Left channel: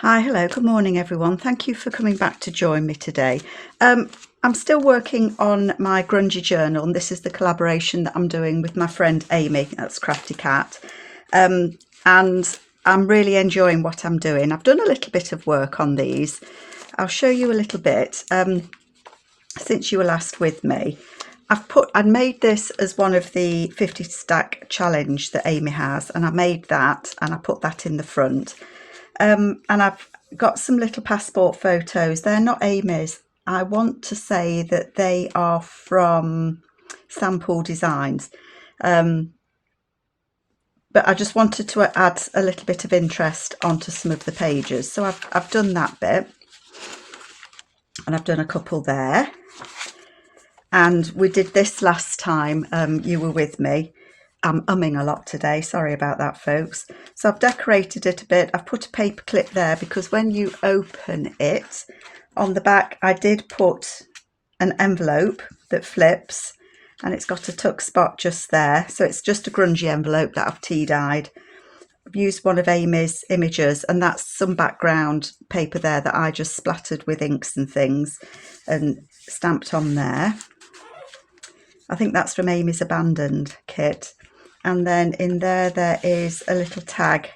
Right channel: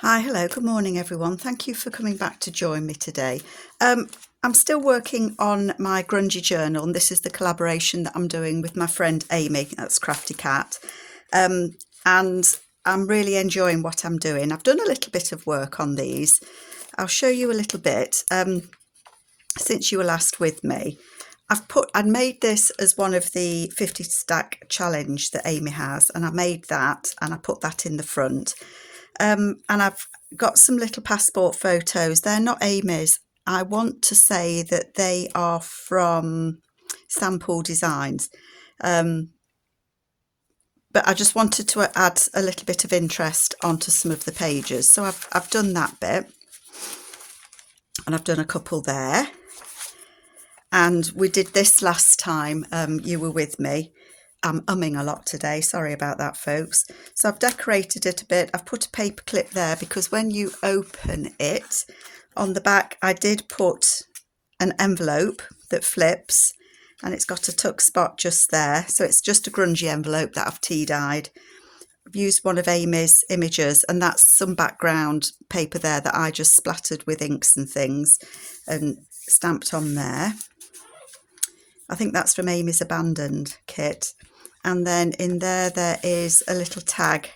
Hi, hello, good morning everyone. Thank you for coming back to join me today. I'm still working on my Grungy journal, and this is the collaboration that I'm doing with my friend Amy, that's Crafty Cat. And I'm really enjoying what I'm doing. I've done a little bit of work on these. I'll show you a little bit. Since you were last with me, I made this as one of the 50 stack challenge that Amy has, and I made that and I put that in the front. And I've got some little passport photos. They're not Amy's. I want to say that they are from Sample Designs. But I just wanted to add a little bit of interest onto some of the pages. So I've done that bit. And I've done a couple there. And we did this last time you were with me. I'm umming a lot today, sorry about that folks. So I've decorated it a bit. I've put a paper clip there because when you open it, on the back I did put an envelope that flips and it's got a tuck spot just there. So it's just a grungy envelope that I've tea dyed. I've used one of Amy's images, and that's some background paper there that I just splattered with inks and things and stamped on there. I think that's from Amy's Abandoned kit. And then in there, there is a little tag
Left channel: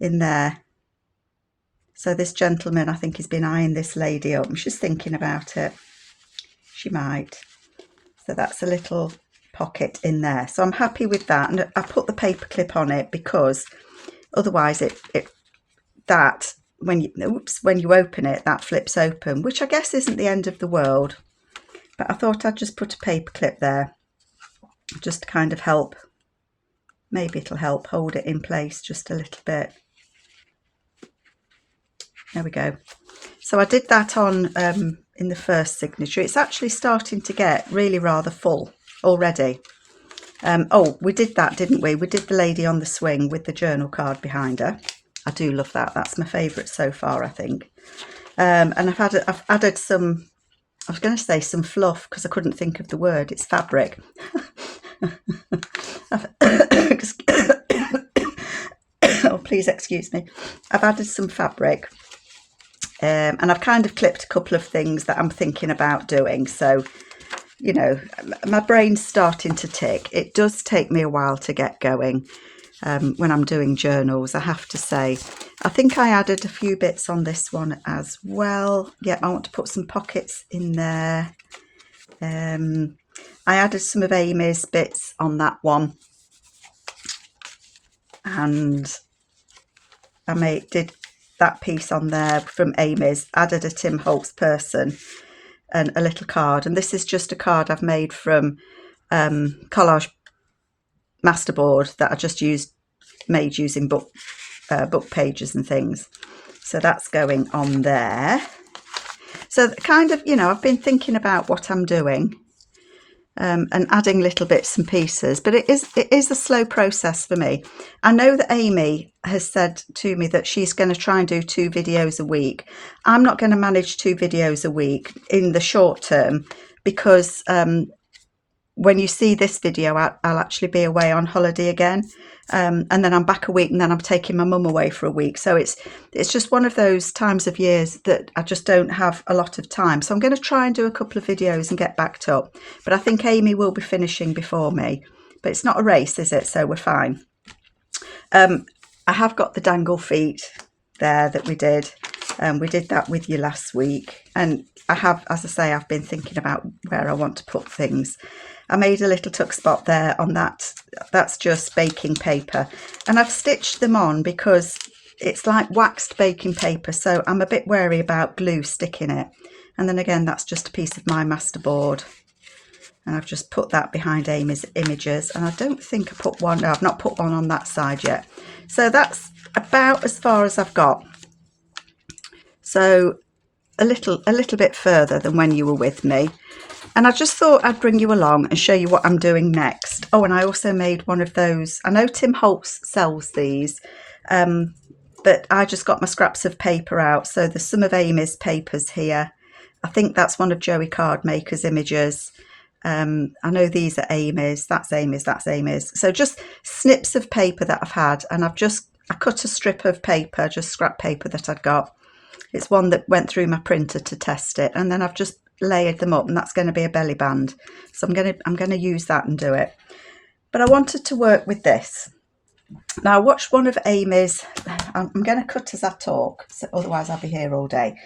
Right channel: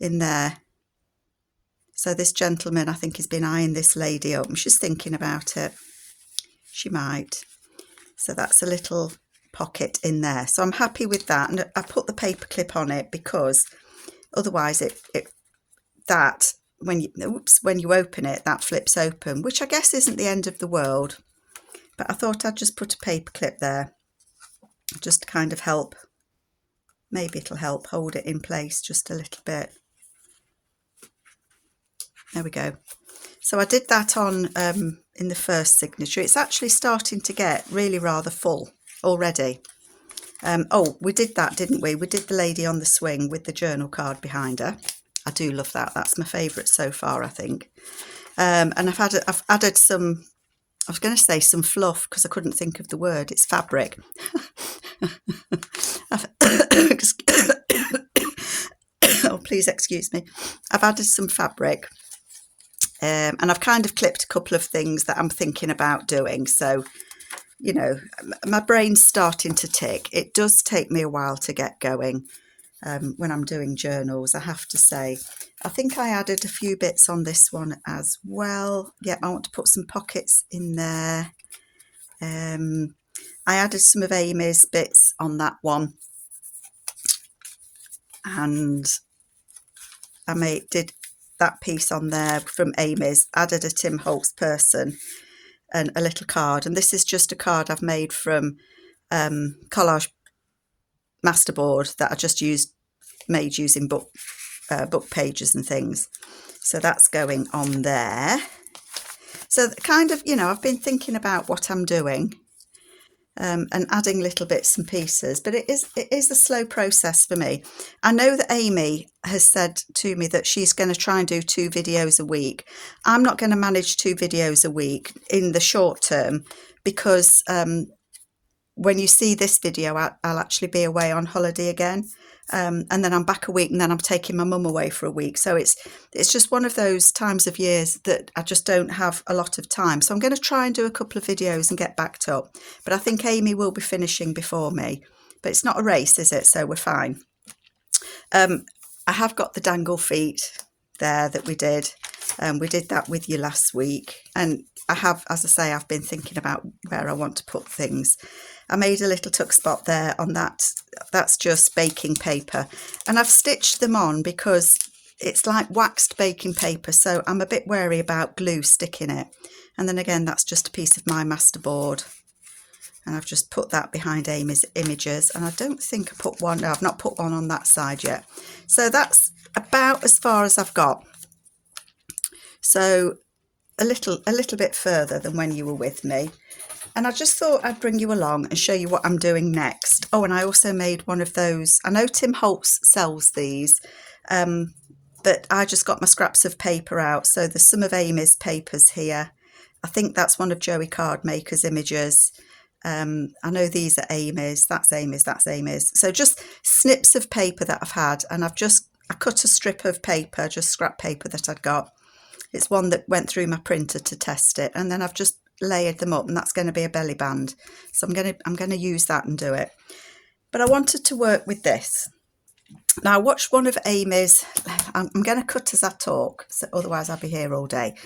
in there. So this gentleman, I think, has been eyeing this lady up and she's thinking about it. She might. So that's a little pocket in there. So I'm happy with that. And I put the paper clip on it because otherwise when you open it, that flips open, which I guess isn't the end of the world. But I thought I'd just put a paper clip there just to kind of help. Maybe it'll help hold it in place just a little bit. There we go. So I did that on in the first signature. It's actually starting to get really rather full already. Oh, we did that, didn't we? We did the lady on the swing with the journal card behind her. I do love that. That's my favourite so far, I think. And I've added some, I was going to say some fluff because I couldn't think of the word. It's fabric. Oh, please excuse me. I've added some fabric and I've kind of clipped a couple of things that I'm thinking about doing. So, you know, my brain's starting to tick. It does take me a while to get going when I'm doing journals, I have to say. I think I added a few bits on this one as well. Yeah, I want to put some pockets in there. I added some of Amy's bits on that one. And I did that piece on there from Amy's, added a Tim Holtz person and a little card. And this is just a card I've made from collage masterboard that I just made using book pages and things. So that's going on there. So kind of, you know, I've been thinking about what I'm doing and adding little bits and pieces, but it is a slow process for me. I know that Amy has said to me that she's going to try and do 2 videos a week. I'm not going to manage 2 videos a week in the short term because when you see this video, I'll actually be away on holiday again. And then I'm back a week and then I'm taking my mum away for a week. So it's just one of those times of years that I just don't have a lot of time. So I'm going to try and do a couple of videos and get backed up. But I think Amy will be finishing before me. But it's not a race, is it? So we're fine. I have got the dangle feet there that we did. We did that with you last week. And I have, as I say, I've been thinking about where I want to put things. I made a little tuck spot there on that. That's just baking paper. And I've stitched them on because it's like waxed baking paper. So I'm a bit wary about glue sticking it. And then again, that's just a piece of my masterboard. And I've just put that behind Amy's images. And I don't think I put one, no, I've not put one on that side yet. So that's about as far as I've got. So a little bit further than when you were with me. And I just thought I'd bring you along and show you what I'm doing next. Oh, and I also made one of those. I know Tim Holtz sells these, but I just got my scraps of paper out. So there's some of Amy's papers here. I think that's one of Joey Cardmaker's images. I know these are Amy's, that's Amy's, that's Amy's. So just snips of paper that I've had, and I've I cut a strip of paper, just scrap paper that I'd got. It's one that went through my printer to test it, and then I've just layered them up, and that's going to be a belly band. So I'm going to use that and do it. But I wanted to work with this. Now I watched one of Amy's. I'm going to cut as I talk, so otherwise I'll be here all day.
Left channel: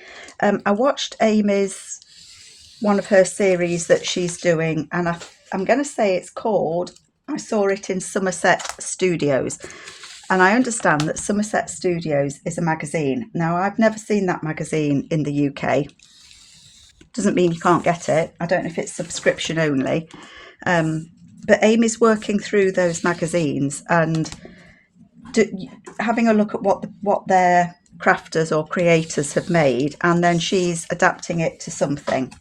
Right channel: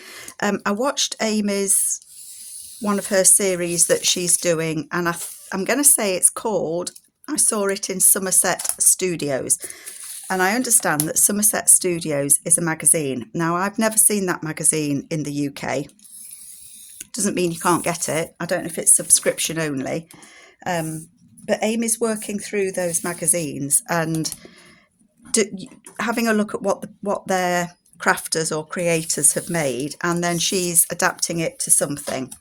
I watched Amy's one of her series that she's doing, and I'm going to say it's called. I saw it in Somerset Studios. And I understand that Somerset Studios is a magazine. Now, I've never seen that magazine in the UK. Doesn't mean you can't get it. I don't know if it's subscription only. But Amy's working through those magazines and having a look at what their crafters or creators have made. And then she's adapting it to something.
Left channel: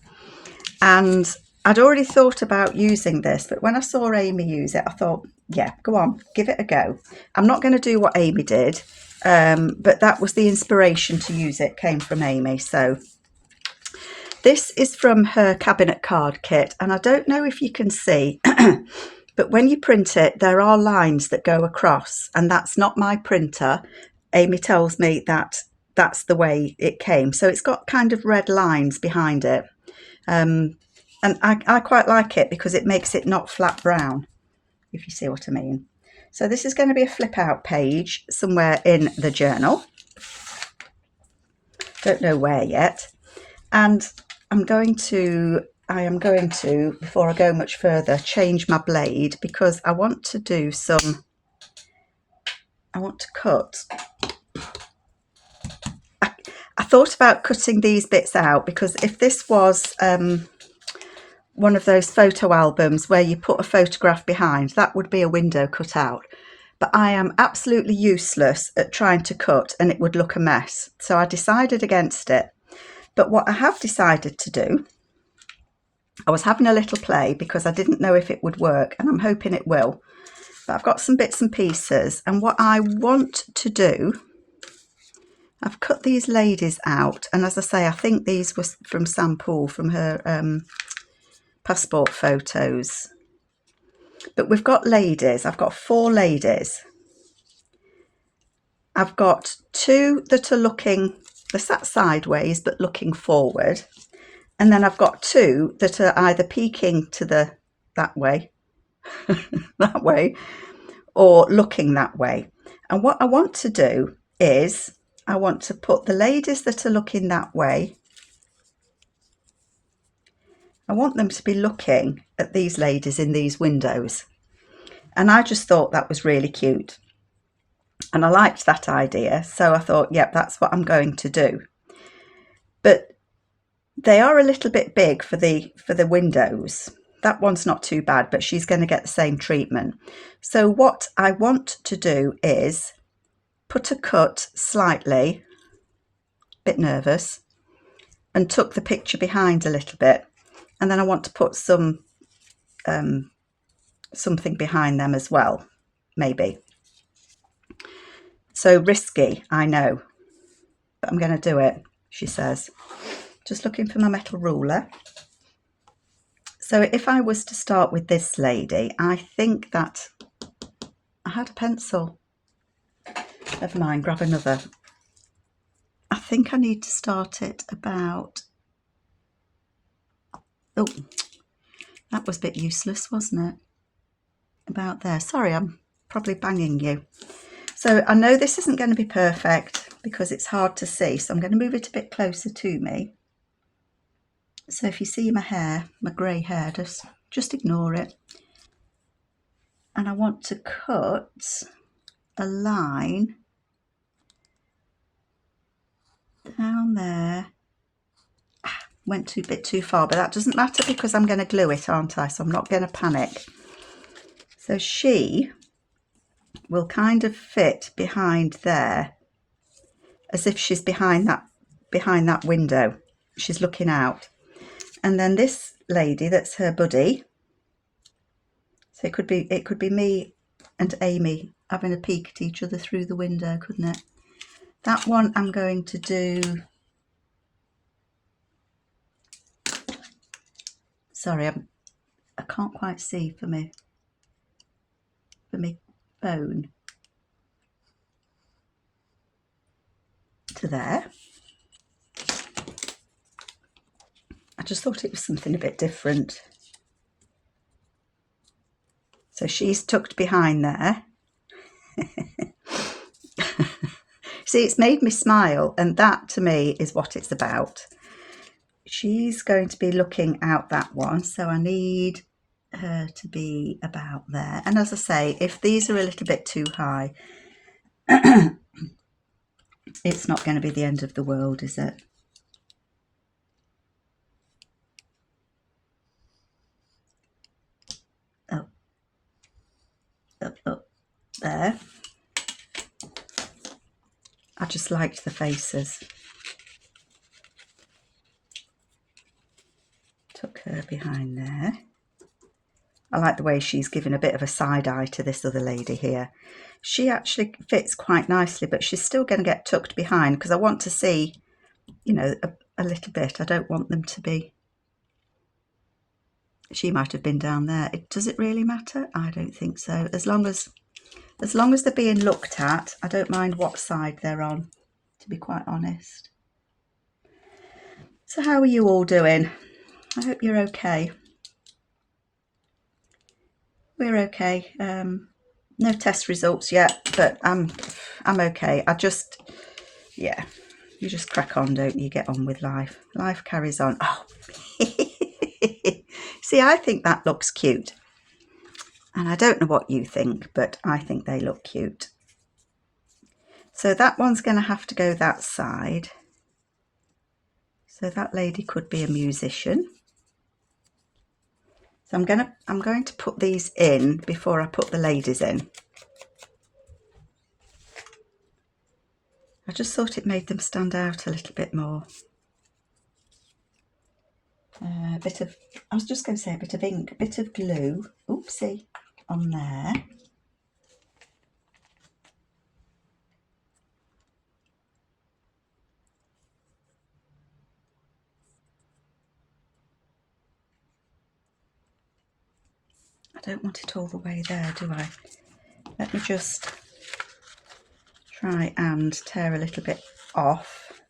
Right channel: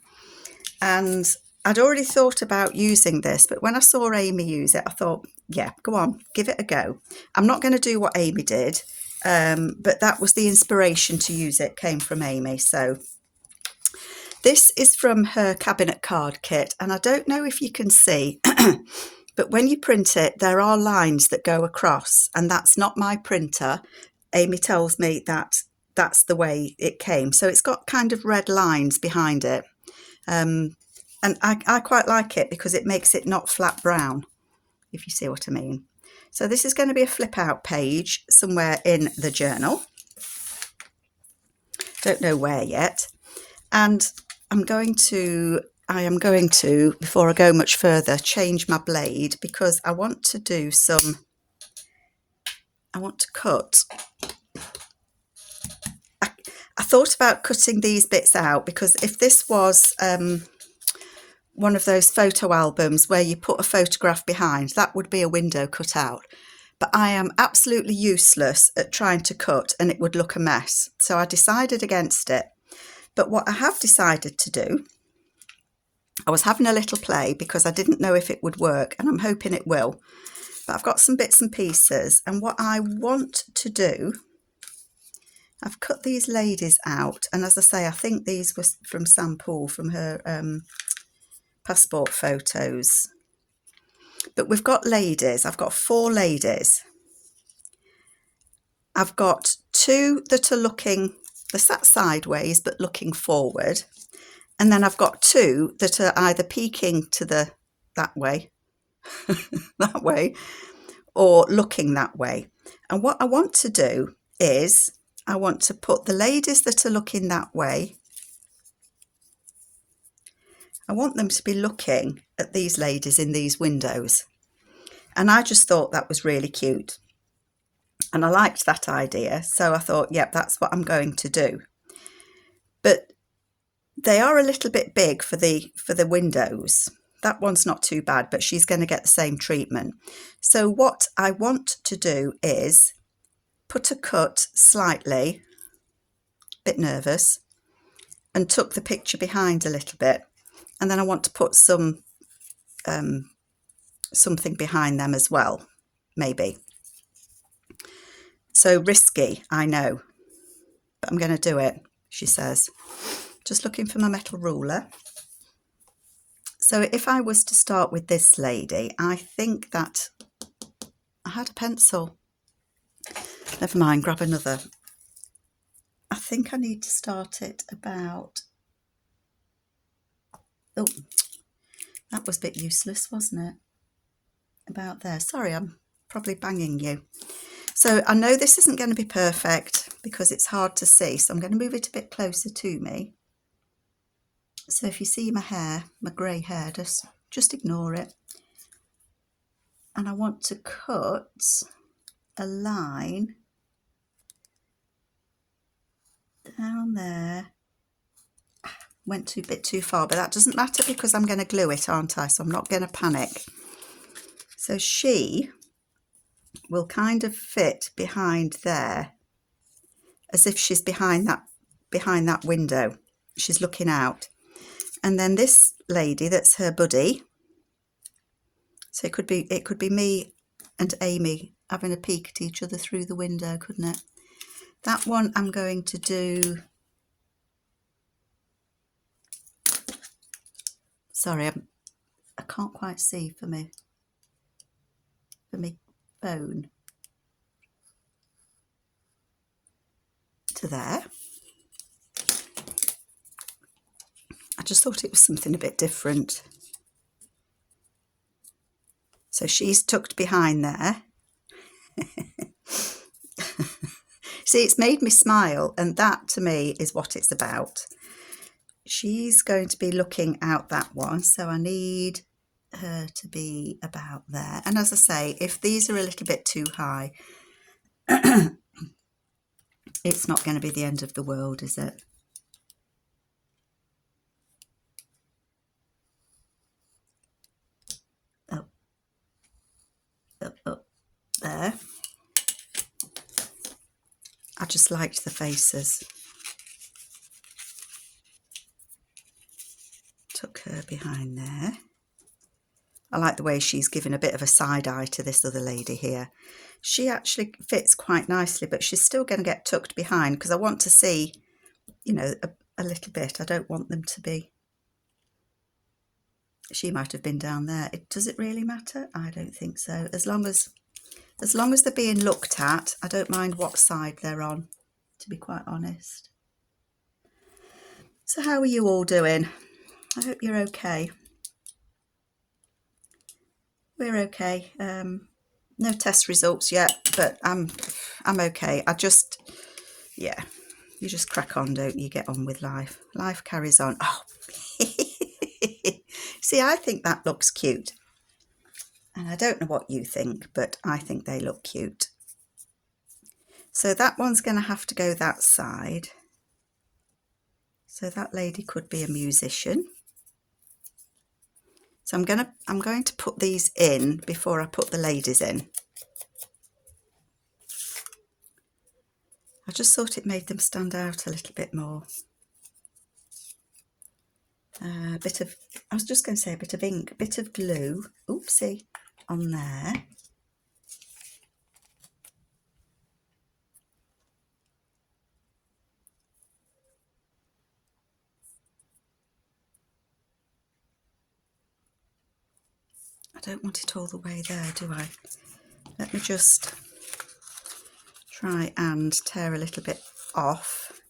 And I'd already thought about using this, but when I saw Amy use it, I thought, yeah, go on, give it a go. I'm not going to do what Amy did, but that was the inspiration to use it, came from Amy. So this is from her cabinet card kit, and I don't know if you can see, but when you print it, there are lines that go across, and that's not my printer. Amy tells me that that's the way it came. So it's got kind of red lines behind it. And I quite like it because it makes it not flat brown, if you see what I mean. So this is going to be a flip out page somewhere in the journal. Don't know where yet. And I am going to, before I go much further, change my blade because I want to do I want to cut. I thought about cutting these bits out because if this was one of those photo albums where you put a photograph behind, that would be a window cut out. But I am absolutely useless at trying to cut and it would look a mess. So I decided against it. But what I have decided to do, I was having a little play because I didn't know if it would work and I'm hoping it will. But I've got some bits and pieces, and what I want to do, I've cut these ladies out, and as I say, I think these were from Sam Poole, from her passport photos. But we've got ladies. I've got 4 ladies. I've got 2 that are looking, they're sat sideways but looking forward, and then I've got 2 that are either peeking to that way that way, or looking that way. And what I want to do is I want to put the ladies that are looking that way, I want them to be looking at these ladies in these windows. And I just thought that was really cute. And I liked that idea. So I thought, yep, that's what I'm going to do. But they are a little bit big for the windows. That one's not too bad, but she's going to get the same treatment. So what I want to do is put a cut slightly, a bit nervous, and tuck the picture behind a little bit. And then I want to put some something behind them as well, maybe. So risky, I know, but I'm going to do it, she says. Just looking for my metal ruler. So if I was to start with this lady, I think that I had a pencil. Never mind, grab another. I think I need to start it about, oh, that was a bit useless, wasn't it? About there. Sorry, I'm probably banging you. So I know this isn't going to be perfect because it's hard to see. So I'm going to move it a bit closer to me. So if you see my hair, my grey hair, just ignore it. And I want to cut a line down there. Went a bit too far, but that doesn't matter because I'm going to glue it, aren't I? So I'm not going to panic. So she will kind of fit behind there, as if she's behind that window. She's looking out. And then this lady, that's her buddy. So it could be me and Amy having a peek at each other through the window, couldn't it? That one I'm going to do. Sorry, I can't quite see for me phone. to there. I just thought it was something a bit different. So she's tucked behind there. See, it's made me smile, and that to me is what it's about. She's going to be looking out that one, so I need her to be about there. And as I say, if these are a little bit too high, it's not going to be the end of the world, is it? Up, up, up, there. I just liked the faces. Tuck her behind there. I like the way she's given a bit of a side eye to this other lady here. She actually fits quite nicely, but she's still going to get tucked behind because I want to see, you know, a little bit. I don't want them to be... She might have been down there. Does it really matter? I don't think so. As long as they're being looked at, I don't mind what side they're on, to be quite honest. So how are you all doing? I hope you're okay. We're okay. No test results yet, but I'm okay. Yeah, you just crack on, don't you? Get on with life. Life carries on. Oh, see, I think that looks cute. And I don't know what you think, but I think they look cute. So that one's going to have to go that side. So that lady could be a musician. So I'm going to put these in before I put the ladies in. I just thought it made them stand out a little bit more. I was just going to say a bit of ink, a bit of glue, oopsie, on there. I don't want it all the way there, do I? Let me just try and tear a little bit off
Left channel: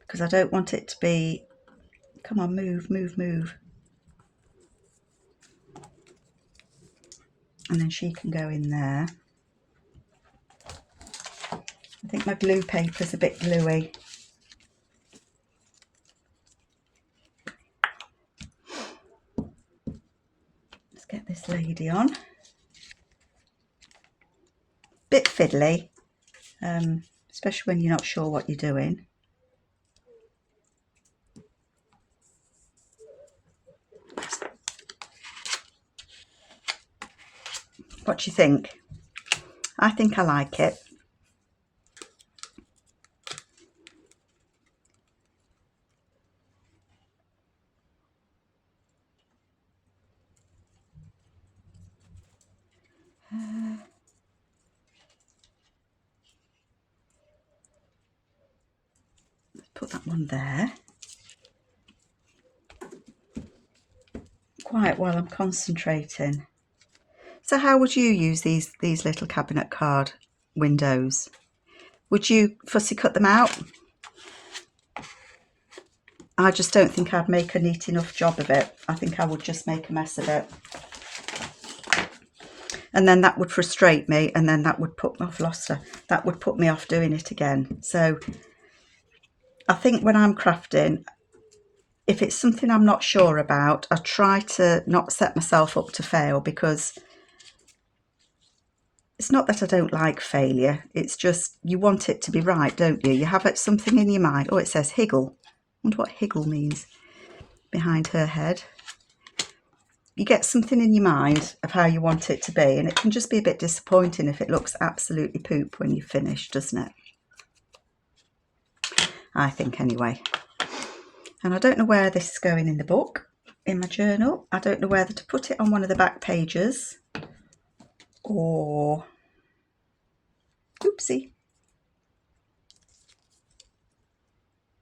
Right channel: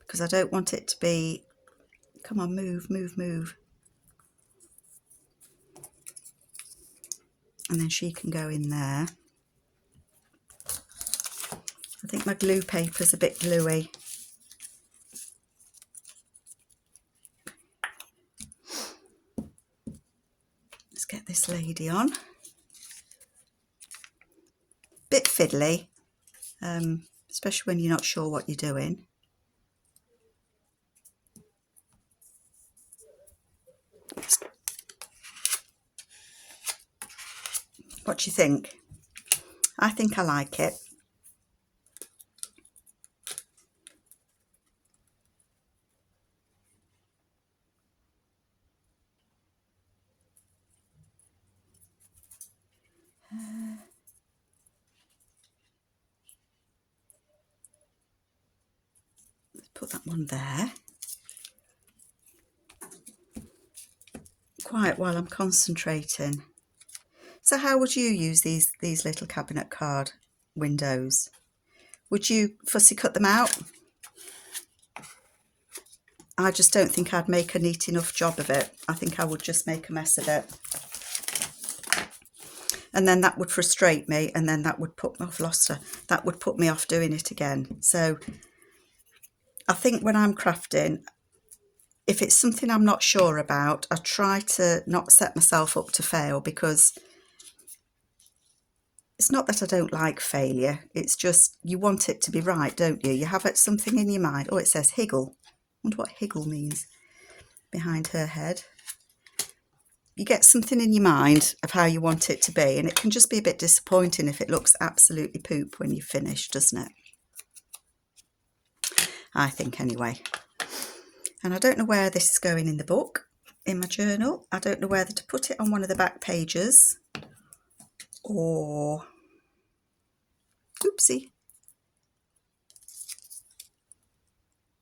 because I don't want it to be, come on, move, move, move. And then she can go in there. I think my glue paper's a bit gluey. Let's get this lady on. Bit fiddly, especially when you're not sure what you're doing. What do you think? I think I like it. Let's put that one there. Quiet while I'm concentrating. So how would you use these little cabinet card windows? Would you fussy cut them out? I just don't think I'd make a neat enough job of it. I think I would just make a mess of it. And then that would frustrate me, and then that would put me off, lost her. That would put me off doing it again. So I think when I'm crafting, if it's something I'm not sure about, I try to not set myself up to fail, because it's not that I don't like failure. It's just you want it to be right, don't you? You have something in your mind. Oh, it says higgle. I wonder what higgle means behind her head. You get something in your mind of how you want it to be, and it can just be a bit disappointing if it looks absolutely poop when you finish, doesn't it? I think anyway. And I don't know where this is going in the book, in my journal. I don't know whether to put it on one of the back pages or, oopsie,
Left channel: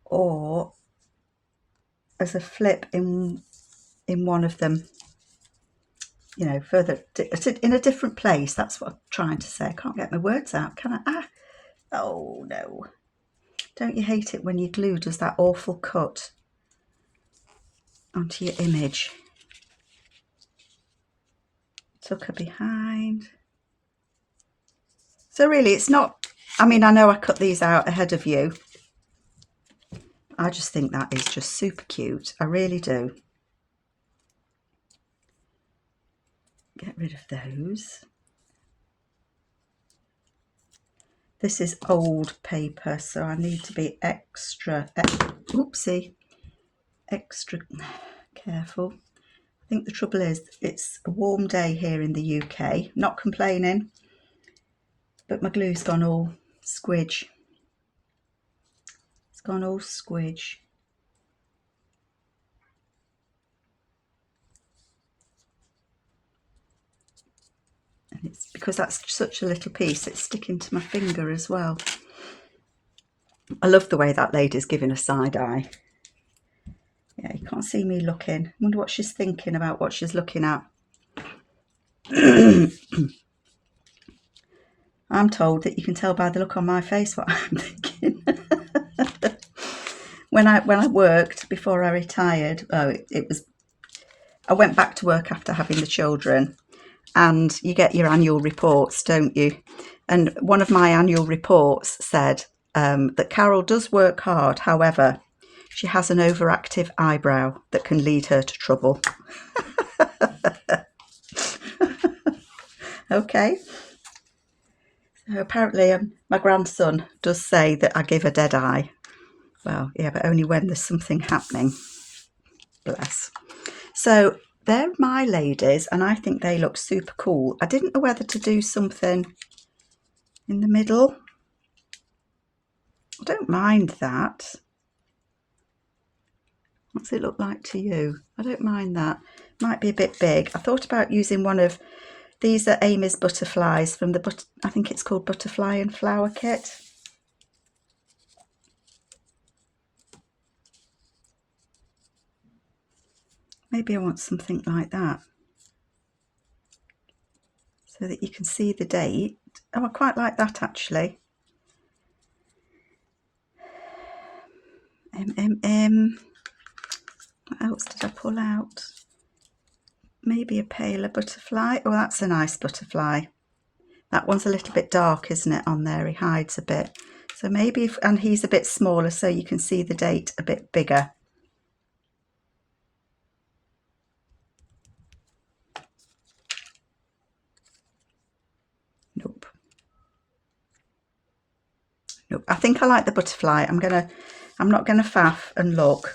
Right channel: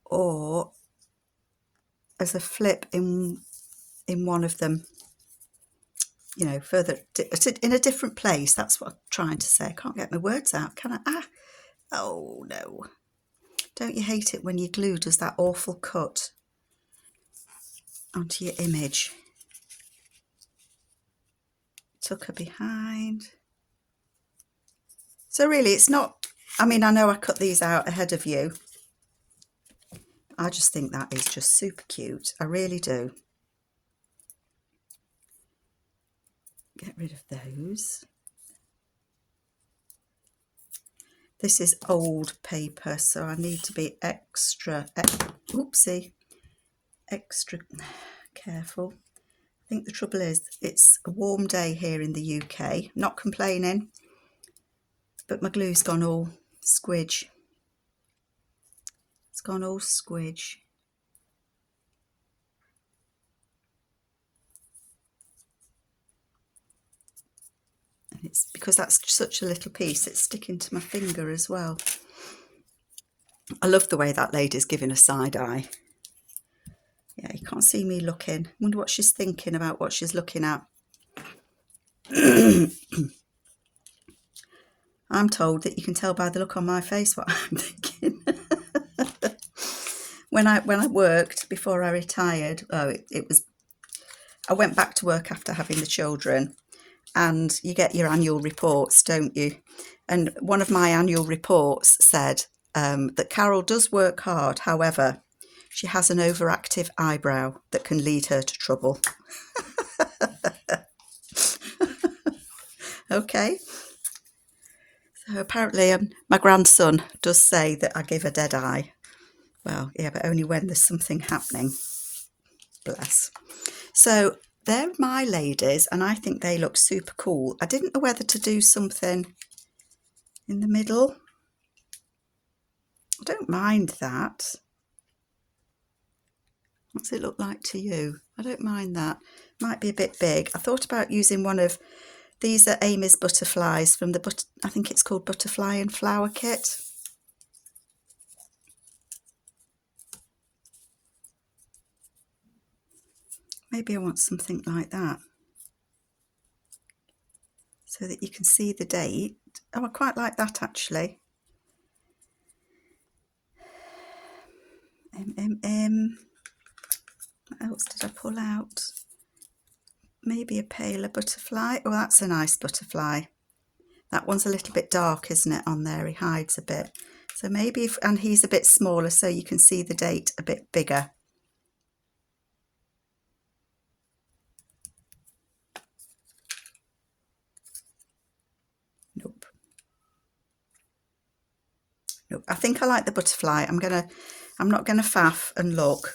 or as a flip in one of them, you know, further in a different place. That's what I'm trying to say. I can't get my words out, can I? Oh no. Don't you hate it when your glue does that awful cut onto your image? Tuck her behind. So really it's not, I mean, I know I cut these out ahead of you. I just think that is just super cute. I really do. Get rid of those. This is old paper, so I need to be extra careful. I think the trouble is it's a warm day here in the UK. Not complaining, but my glue's gone all squidge. It's gone all squidge. And it's because that's such a little piece, it's sticking to my finger as well. I love the way that lady's giving a side eye. Yeah, you can't see me looking. I wonder what she's thinking about what she's looking at. I'm told that you can tell by the look on my face what I'm thinking. When I worked before I retired, I went back to work after having the children, and you get your annual reports, don't you? And one of my annual reports said that Carol does work hard, however, she has an overactive eyebrow that can lead her to trouble. Okay. So apparently my grandson does say that I give a dead eye. Well, yeah, but only when there's something happening. Bless. So they're my ladies, and I think they look super cool. I didn't know whether to do something in the middle. I don't mind that. What's it look like to you? I don't mind that. Might be a bit big. I thought about using one of these are Amy's butterflies from the I think it's called Butterfly and Flower Kit. Maybe I want something like that so that you can see the date. Oh, I quite like that actually. What else did I pull out? Maybe a paler butterfly. Oh, that's a nice butterfly. That one's a little bit dark, isn't it, on there? He hides a bit. So maybe, and he's a bit smaller so you can see the date a bit bigger. Nope. Nope. I think I like the butterfly. I'm not gonna faff and look.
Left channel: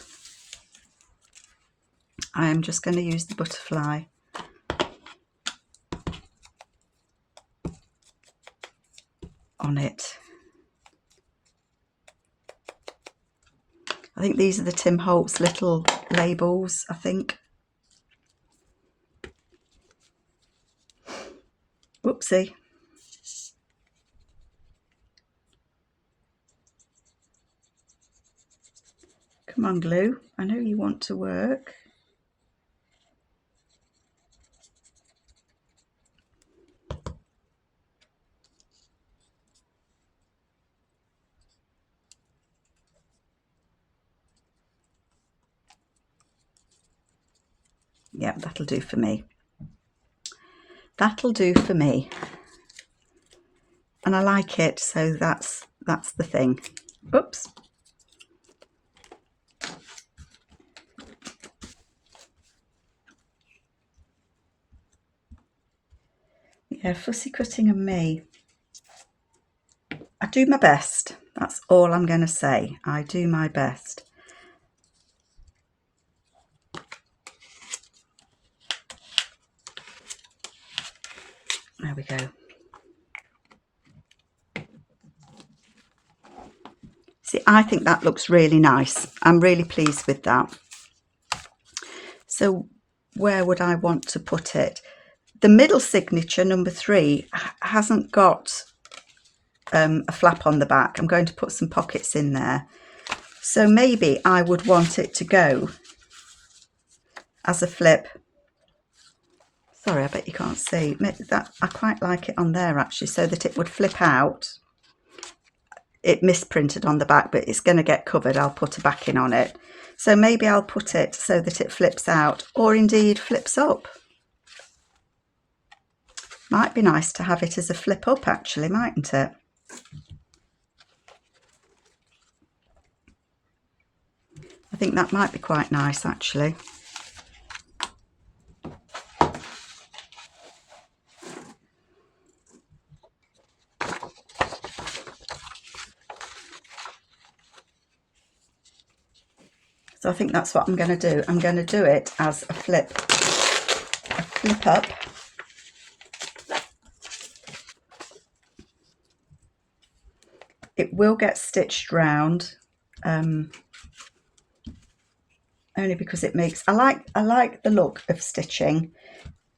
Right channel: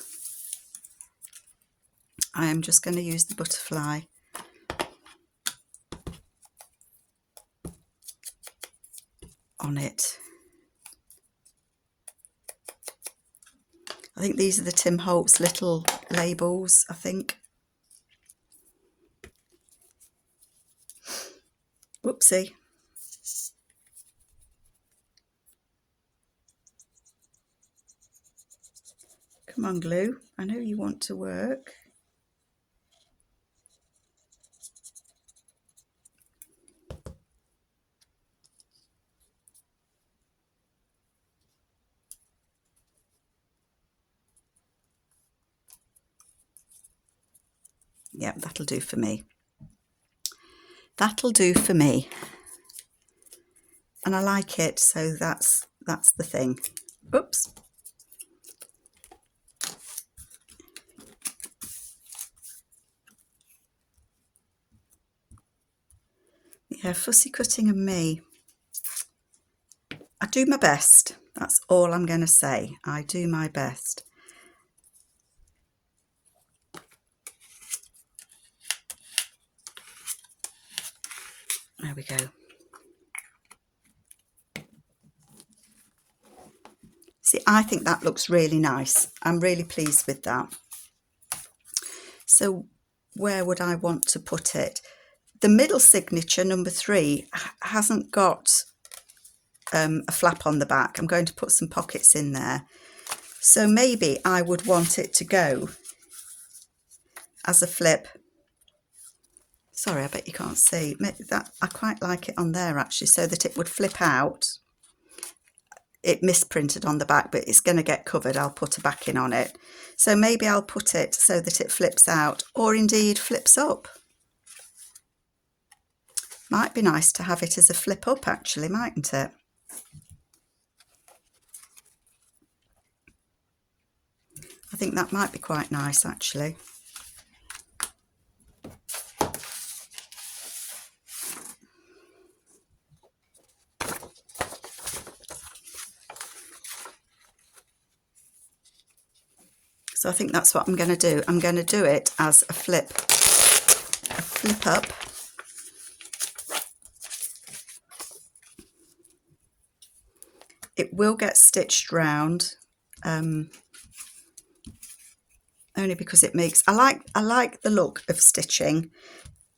I am just going to use the butterfly. On it. I think these are the Tim Holtz little labels, I think. Whoopsie. Come on, glue. I know you want to work. Yeah, that'll do for me. That'll do for me. And I like it, so that's the thing. Oops. Yeah, fussy cutting and me. I do my best. That's all I'm going to say. I do my best. There we go. See, I think that looks really nice. I'm really pleased with that. So where would I want to put it? The middle signature, number 3, hasn't got a flap on the back. I'm going to put some pockets in there. So maybe I would want it to go as a flip. Sorry, I bet you can't see. Maybe that, I quite like it on there actually, so that it would flip out. it misprinted on the back, but it's going to get covered. I'll put a backing on it. So maybe I'll put it so that it flips out, or indeed flips up. Might be nice to have it as a flip up actually, mightn't it? I think that might be quite nice actually. So I think that's what I'm going to do. I'm going to do it as a flip up. It will get stitched round, only because it makes, I like the look of stitching.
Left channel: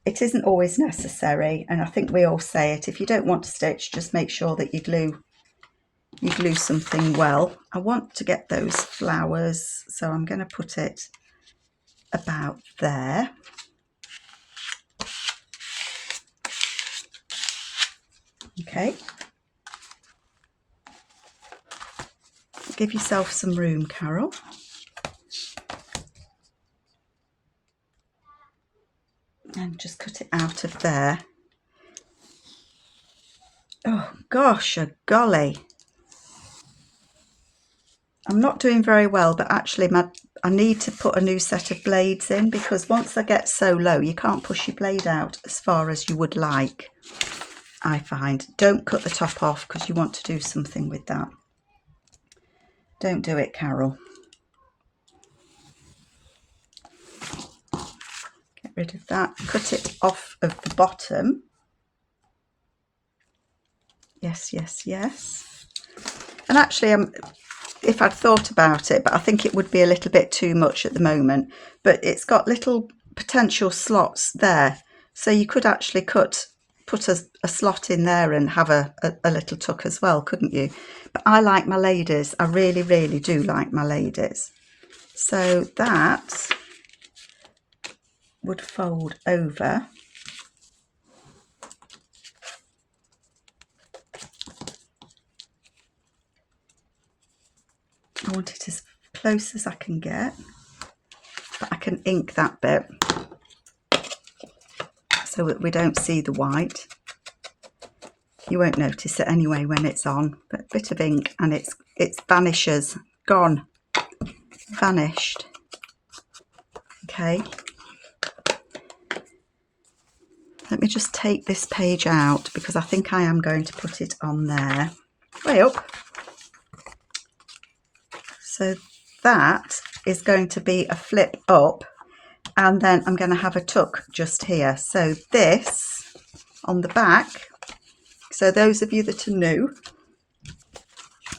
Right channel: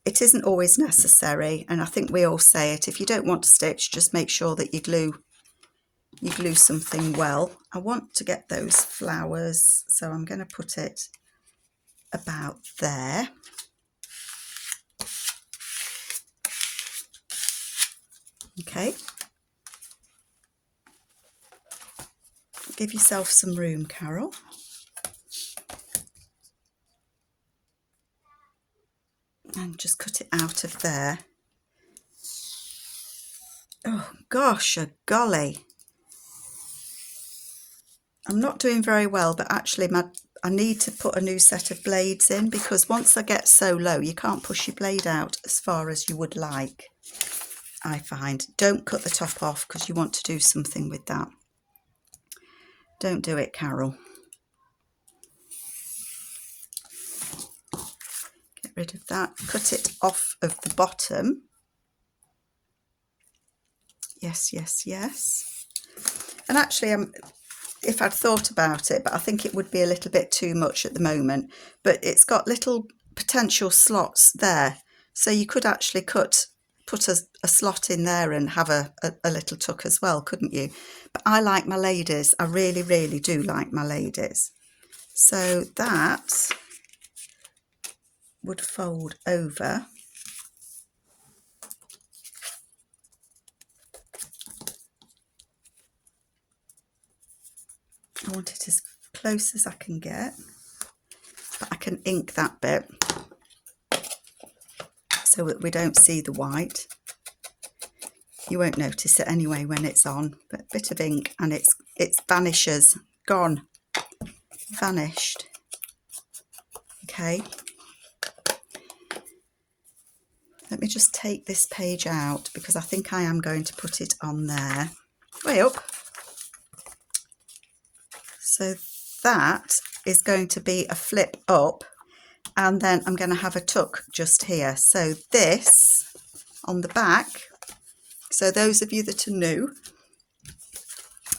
It isn't always necessary, and I think we all say it. If you don't want to stitch, just make sure that you glue something well. I want to get those flowers, so I'm going to put it about there. Okay. Give yourself some room, Carol. And just cut it out of there. Oh gosh, a golly. I'm not doing very well, but actually I need to put a new set of blades in, because once I get so low, you can't push your blade out as far as you would like, I find. Don't cut the top off, because you want to do something with that. Don't do it, Carol. Get rid of that. Cut it off of the bottom. Yes, yes, yes. And actually, if I'd thought about it, but I think it would be a little bit too much at the moment. But it's got little potential slots there, so you could actually put a slot in there and have a little tuck as well, couldn't you? But I like my ladies. I really, really do like my ladies. So that would fold over. I want it as close as I can get, but I can ink that bit so that we don't see the white. You won't notice it anyway when it's on, but a bit of ink and it vanishes, gone, vanished. Okay. Let me just take this page out, because I think I am going to put it on there, way up. So that is going to be a flip up, and then I'm going to have a tuck just here. So this on the back. So those of you that are new,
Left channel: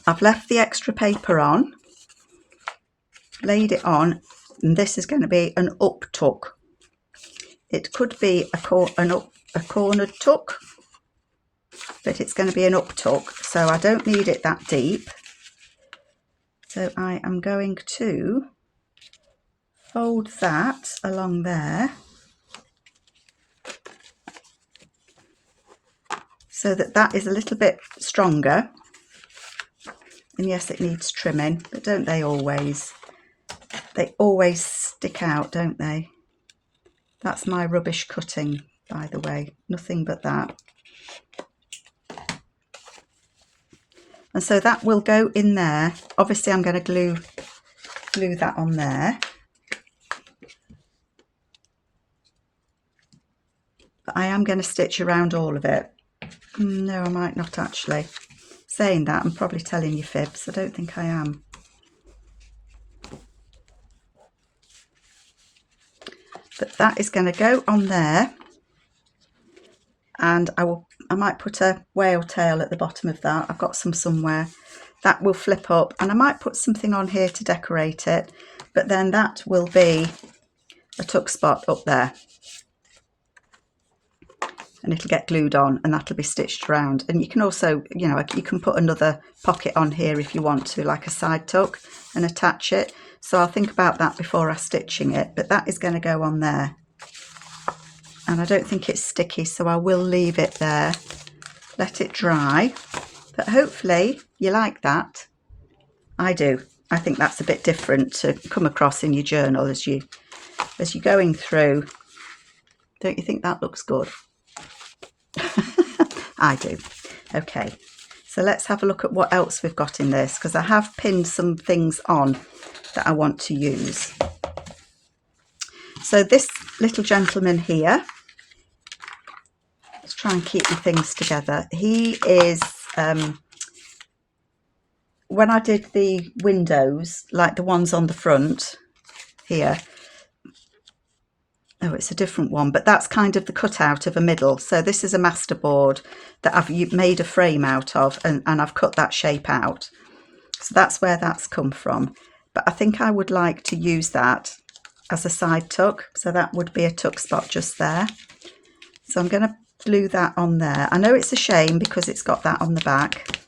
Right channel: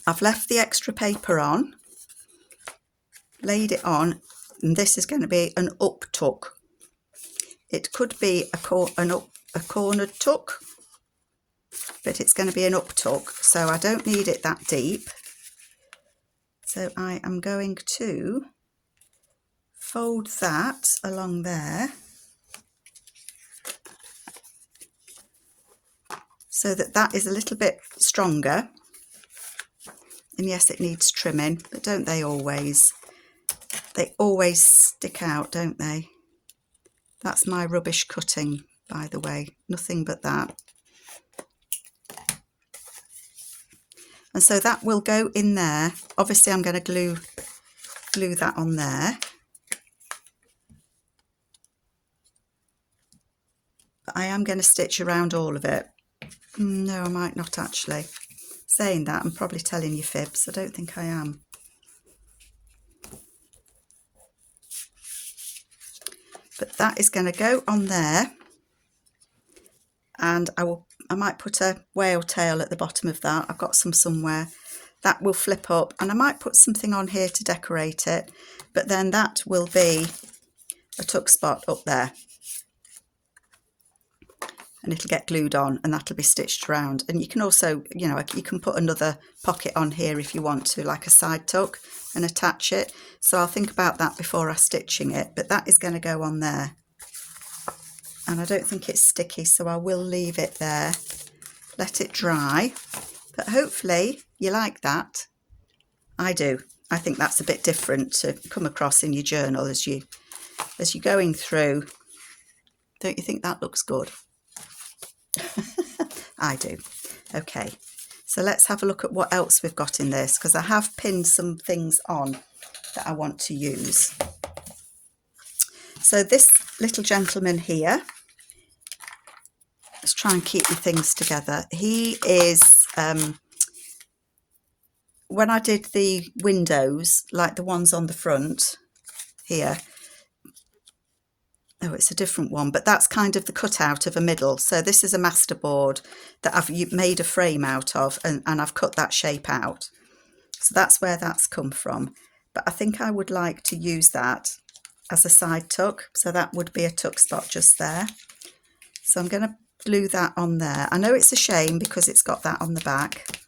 I've left the extra paper on, laid it on, and this is going to be an up tuck. It could be a cornered tuck, but it's going to be an up tuck, so I don't need it that deep. So I am going to fold that along there, so that is a little bit stronger. And yes, it needs trimming, but don't they always? They always stick out, don't they? That's my rubbish cutting, by the way, nothing but that. And so that will go in there. Obviously, I'm going to glue that on there. But I am going to stitch around all of it. No, I might not actually. Saying that, I'm probably telling you fibs. I don't think I am. But that is going to go on there. And I might put a whale tail at the bottom of that. I've got some somewhere. That will flip up, and I might put something on here to decorate it, but then that will be a tuck spot up there, and it'll get glued on, and that'll be stitched around. And you can also, you know, you can put another pocket on here if you want to, like a side tuck, and attach it. So I'll think about that before I'm stitching it, but that is going to go on there. And I don't think it's sticky, so I will leave it there, let it dry. But hopefully You like that? I do. I think that's a bit different to come across in your journal as you're going through. Don't you think that looks good? I do. Okay, so let's have a look at what else we've got in this, because I have pinned some things on that I want to use. So this little gentleman here, let's try and keep the things together. He is, when I did the windows, like the ones on the front here, oh, it's a different one, but that's kind of the cutout of a middle. So this is a masterboard that I've made a frame out of, and I've cut that shape out. So that's where that's come from. But I think I would like to use that as a side tuck. So that would be a tuck spot just there. So I'm going to glue that on there. I know it's a shame because it's got that on the back,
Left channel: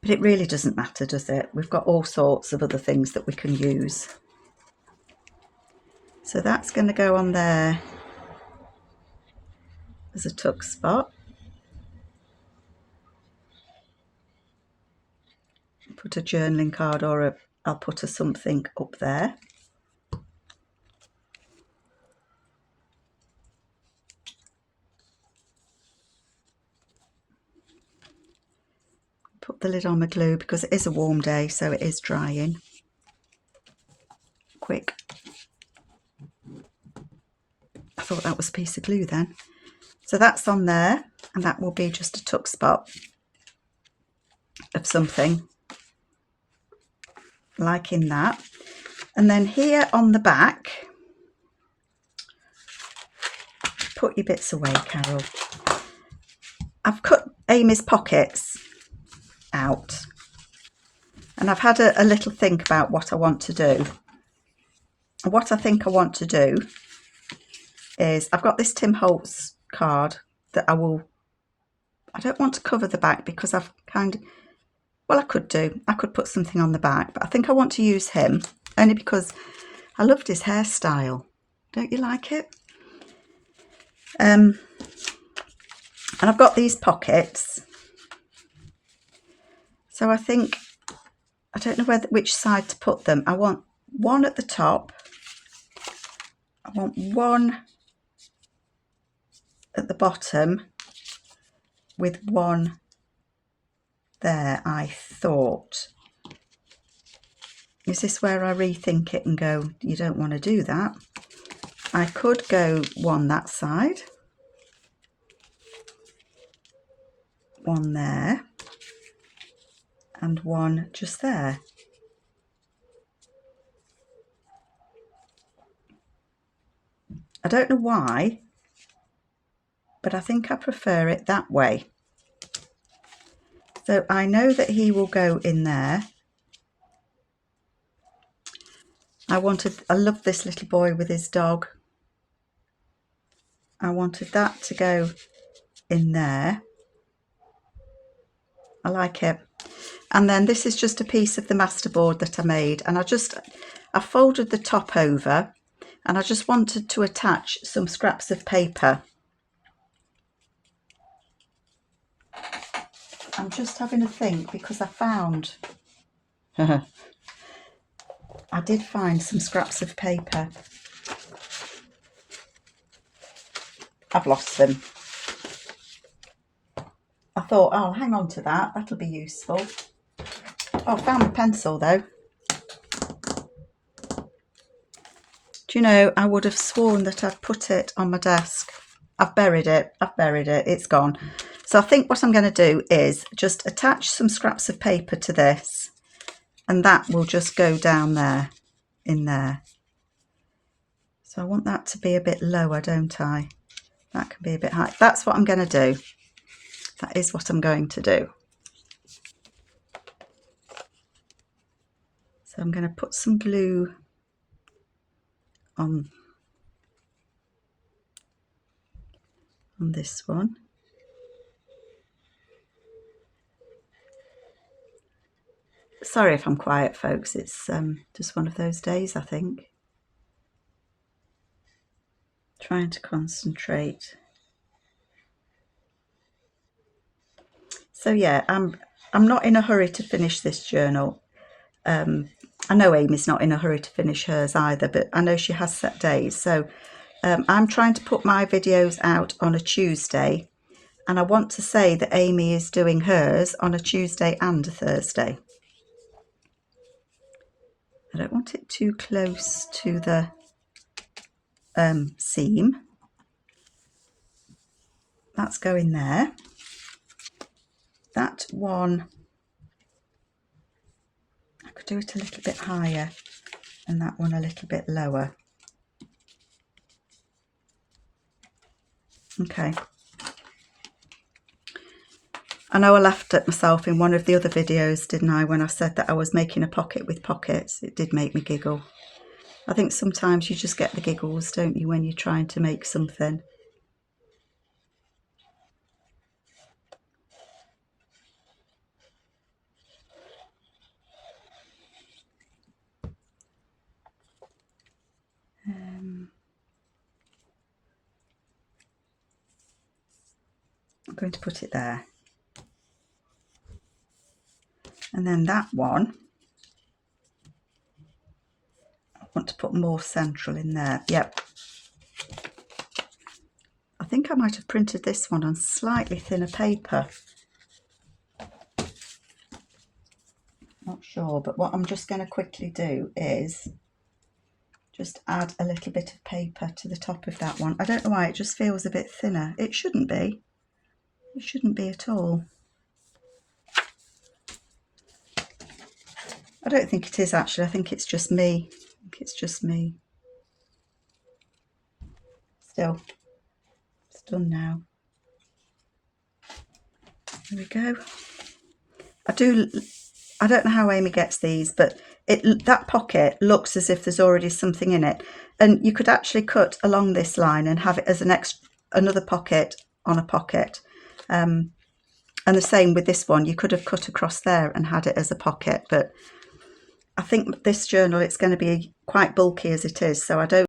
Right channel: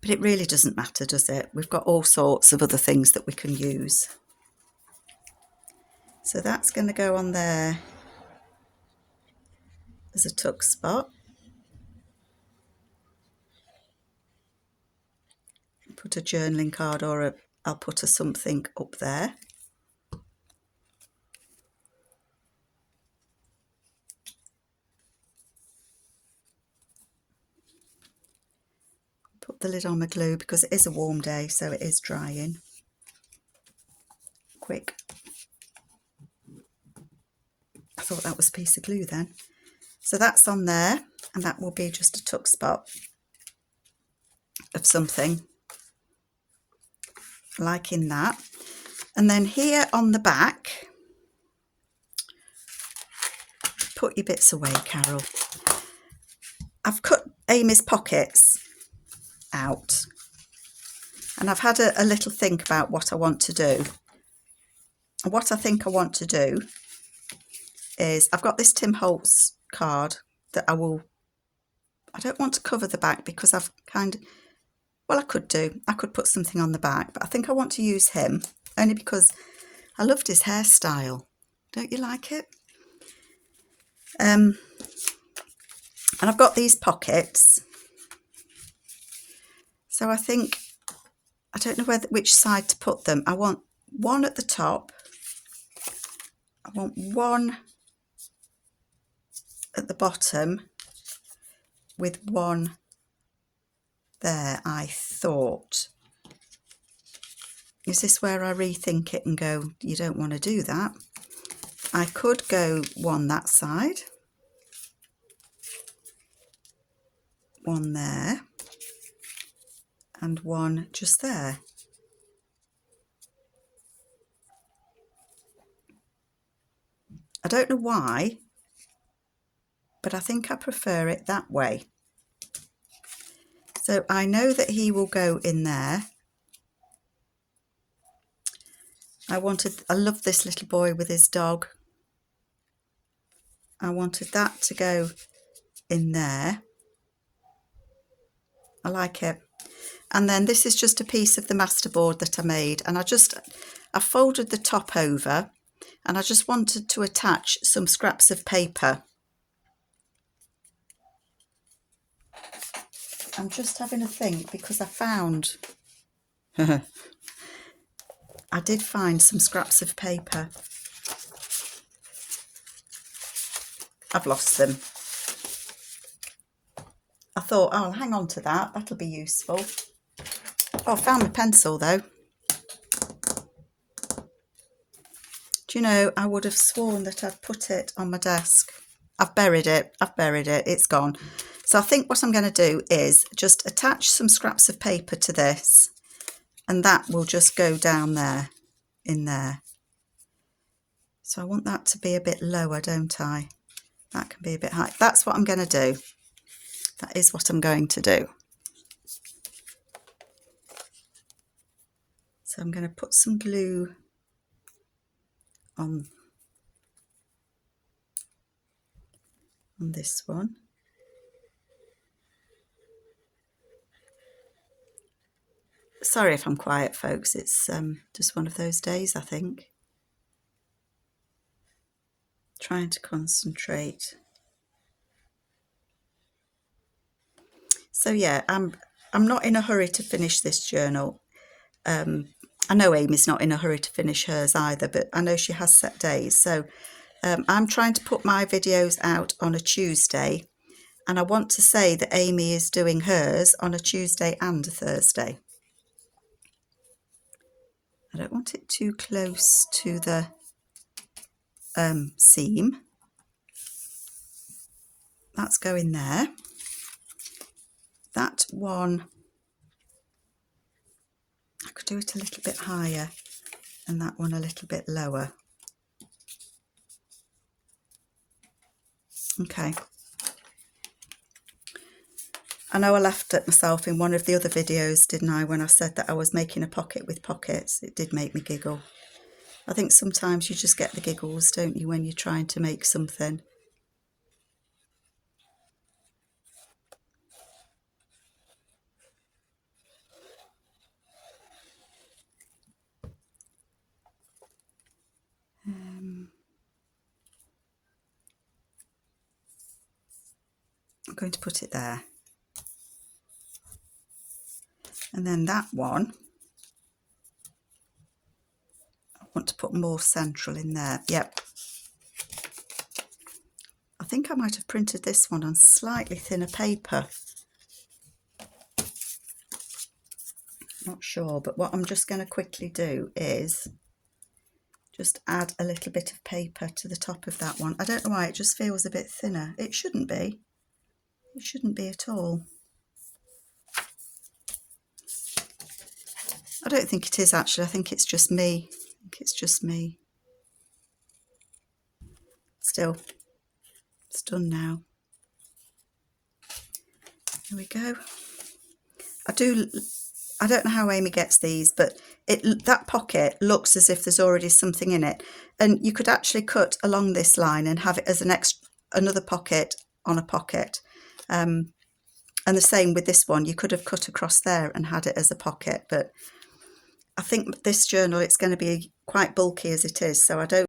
but it really doesn't matter, does it? We've got all sorts of other things that we can use. So that's going to go on there as a tuck spot. Put a journaling card, or I'll put a something up there. Put the lid on my glue because it is a warm day, so it is drying quick. I thought that was a piece of glue then. So that's on there, and that will be just a tuck spot of something, like in that. And then here on the back, put your bits away, Carol. I've cut Amy's pockets out, and I've had a little think about what I want to do. And what I think I want to do is, I've got this Tim Holtz card that I don't want to cover the back because I've well, I could put something on the back, but I think I want to use him only because I loved his hairstyle. Don't you like it? And I've got these pockets. So I think, I don't know which side to put them. I want one at the top. I want one at the bottom with one there, I thought. Is this where I rethink it and go, you don't want to do that? I could go one that side, one there, and one just there. I don't know why, but I think I prefer it that way. So I know that he will go in there. I love this little boy with his dog. I wanted that to go in there. I like it. And then this is just a piece of the masterboard that I made, and I folded the top over, and I just wanted to attach some scraps of paper. I'm just having a think because I found I did find some scraps of paper. I've lost them. I thought, oh, I'll hang on to that. That'll be useful. Oh, I found the pencil though. Do you know, I would have sworn that I'd put it on my desk. I've buried it. It's gone. So I think what I'm going to do is just attach some scraps of paper to this, and that will just go down there, in there. So I want that to be a bit lower, don't I? That can be a bit high. That's what I'm going to do. That is what I'm going to do. So I'm going to put some glue on this one. Sorry if I'm quiet, folks. It's just one of those days, I think. Trying to concentrate. So yeah, I'm not in a hurry to finish this journal. I know Amy's not in a hurry to finish hers either, but I know she has set days. So I'm trying to put my videos out on a Tuesday, and I want to say that Amy is doing hers on a Tuesday and a Thursday. I don't want it too close to the seam. That's going there. That one, I could do it a little bit higher and that one a little bit lower. Okay. I know I laughed at myself in one of the other videos, didn't I, when I said that I was making a pocket with pockets. It did make me giggle. I think sometimes you just get the giggles, don't you, when you're trying to make something. I'm going to put it there. And then that one, I want to put more central in there. Yep. I think I might have printed this one on slightly thinner paper. Not sure, but what I'm just going to quickly do is just add a little bit of paper to the top of that one. I don't know why, it just feels a bit thinner. It shouldn't be. It shouldn't be at all. I don't think it is actually. I think it's just me. I think it's just me. Still, it's done now. There we go. I don't know how Amy gets these, but that pocket looks as if there's already something in it. And you could actually cut along this line and have it as another pocket on a pocket. And the same with this one. You could have cut across there and had it as a pocket, but I think this journal, it's going to be quite bulky as it is, so I don't